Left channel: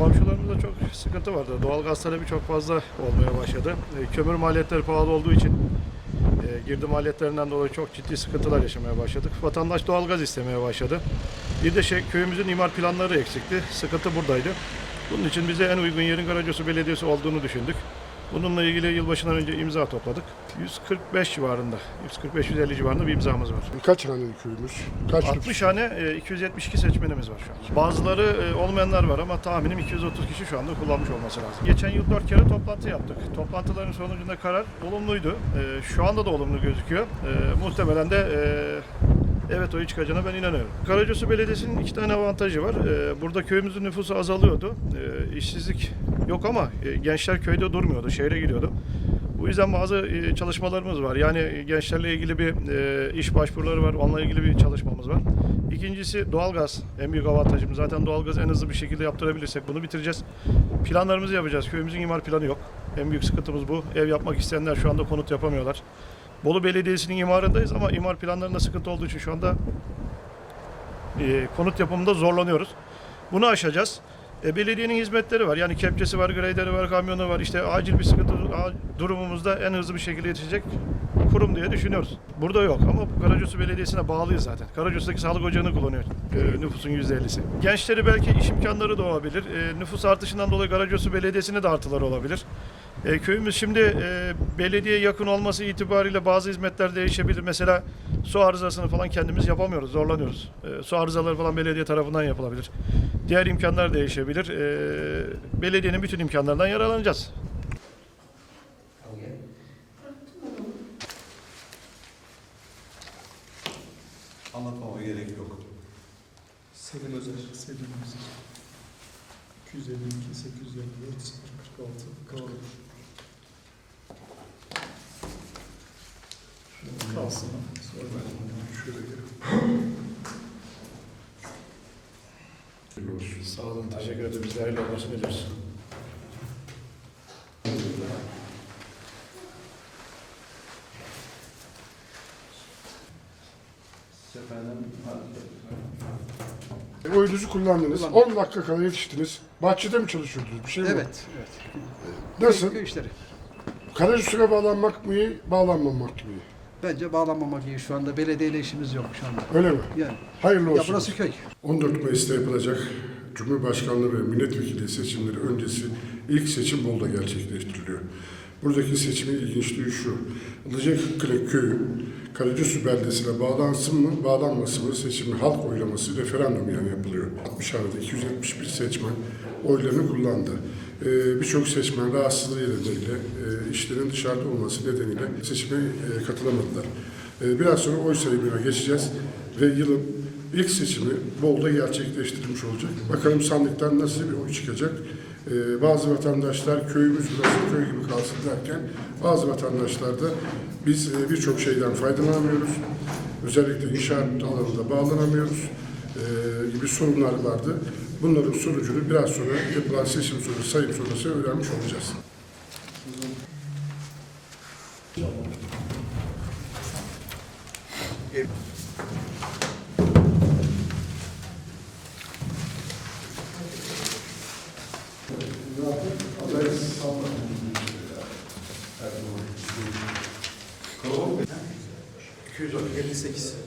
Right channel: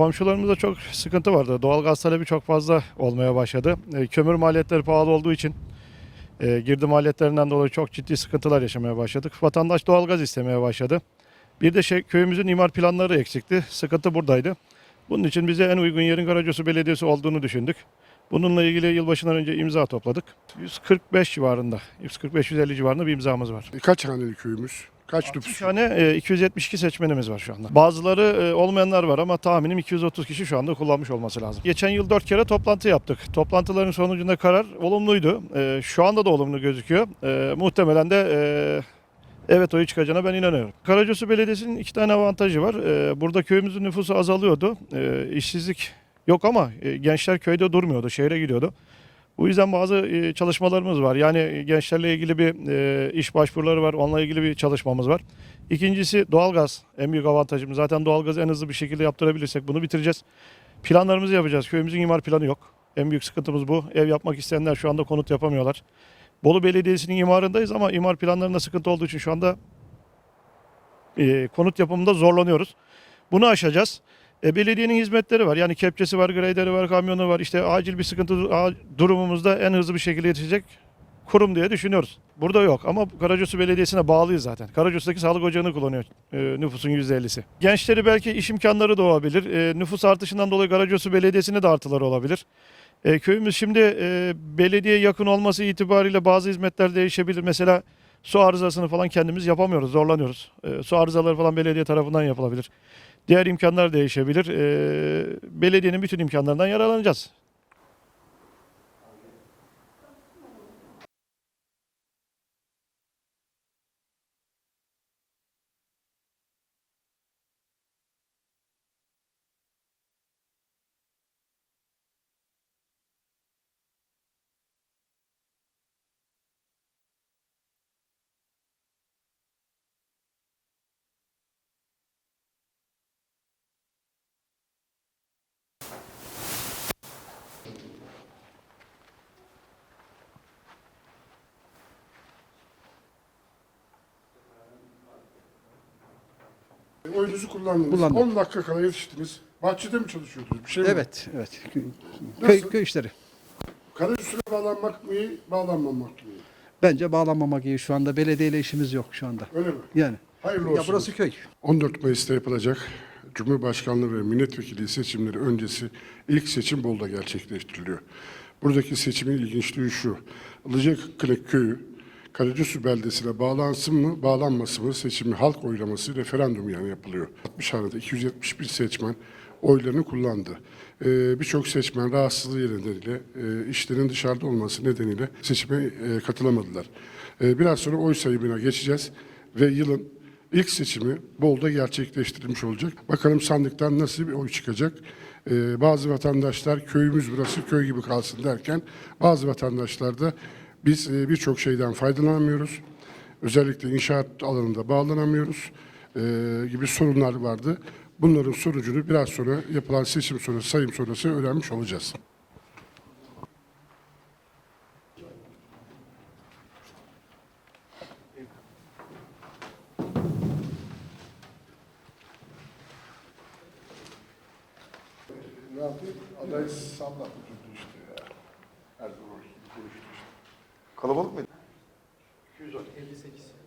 komşularımızda çok sıkıntı vardı. Doğalgaz talebi çok fazla olmaya başladı. E, kömür maliyetleri pahalı olduğu için e, girdi maliyetlerinden dolayı çok ciddi sıkıntılar yaşamaya başladık. Vatandaş doğalgaz istemeye başladı. Bir de şey köyümüzün imar planları eksikti. Sıkıntı buradaydı. Bunun için bize en uygun yerin Karacosu Belediyesi olduğunu düşündük. Bununla ilgili yılbaşından önce imza topladık. 145 civarında, 145-150 civarında bir imzamız var. Kaç haneli köyümüz? Kaç 60 nüfus? hane e, 272 seçmenimiz var şu anda. Bazıları e, olmayanlar var ama tahminim 230 kişi şu anda kullanmış olması lazım. Geçen yıl 4 kere toplantı yaptık. Toplantıların sonucunda karar olumluydu. E, Şu anda da olumlu gözüküyor. E, Muhtemelen de evet oyu çıkacağına ben inanıyorum. Karacasu Belediyesi'nin iki tane avantajı var. E, Burada köyümüzün nüfusu azalıyordu. E, İşsizlik yok ama e, gençler köyde durmuyordu, şehre gidiyordu. Bu yüzden bazı e, çalışmalarımız var. Yani gençlerle ilgili bir e, iş başvuruları var. Onunla ilgili bir çalışmamız var. İkincisi doğalgaz. En büyük avantajımız. Zaten doğalgazı en hızlı bir şekilde yaptırabilirsek bunu bitireceğiz. Planlarımızı yapacağız. Köyümüzün imar planı yok. En büyük sıkıntımız bu. Ev yapmak isteyenler şu anda konut yapamıyorlar. Bolu Belediyesi'nin imarındayız ama imar planlarında sıkıntı olduğu için şu anda e, konut yapımında zorlanıyoruz. Bunu aşacağız. E, belediyenin hizmetleri var. Yani kepçesi var, grader'i var, kamyonu var. İşte acil bir sıkıntı durumumuzda en hızlı bir şekilde yetişecek kurum diye düşünüyoruz. Burada yok ama Karacosu Belediyesi'ne bağlıyız zaten. Karacosu'daki sağlık ocağını kullanıyor e, nüfusun %50'si. Gençleri belki iş imkanları doğabilir. E, nüfus artışından dolayı Karacosu Belediyesi'ne de artıları olabilir. E, köyümüz şimdi e, belediye yakın olması itibariyle bazı hizmetler değişebilir. Mesela su arızasını falan kendimiz yapamıyoruz, zorlanıyoruz. E, su arızaları falan belediye tarafından yapılabilir. Diğer imkanlar değişebilir. E, belediyenin bütün imkanlarından yararlanacağız. Anlatmama gerek yok. Selim Özer, Selim Özer. 252, 854, 046, kalır. Kalsın. Sonra ben şöyle gelip Sağ olun, teşekkür ederim. Biz de hayırlı olmasını diliyoruz. E, oyunuzu kullandınız. Kullandım. 10 dakika kala yetiştiniz. Bahçede mi çalışıyordunuz? Bir şey mi? Evet, evet. Nasıl? Köy, köy işleri. Karayüzüne bağlanmak mı iyi, bağlanmamak mı iyi? Bence bağlanmamak iyi şu anda. Belediyeyle işimiz yok şu anda. Öyle mi? Yani. Hayırlı Ya olsun. burası köy. 14 Mayıs'ta yapılacak Cumhurbaşkanlığı ve milletvekili seçimleri öncesi ilk seçim Bolu'da gerçekleştiriliyor. Buradaki seçimin ilginçliği şu. Ilıcaklık Köyü Karacasu beldesine bağlansın mı, bağlanmasın mı seçimi halk oylaması referandum yani yapılıyor. 60 hanede 271 seçmen oylarını kullandı. Ee, Birçok seçmen rahatsızlığı nedeniyle, e, işlerin dışarıda olması nedeniyle seçime e, katılamadılar. Ee, biraz sonra oy sayımına geçeceğiz ve yılın ilk seçimi Bolu'da gerçekleştirilmiş olacak. Bakalım sandıktan nasıl bir oy çıkacak. Ee, bazı vatandaşlar köyümüz burası köy gibi kalsın derken bazı vatandaşlar da biz e, birçok şeyden faydalanamıyoruz. Özellikle inşaat alanında bağlanamıyoruz e, gibi sorunlar vardı. Bunların sonucunu biraz sonra yapılan seçim sonrası, sayım sonrası öğrenmiş olacağız. Kalabalık 258.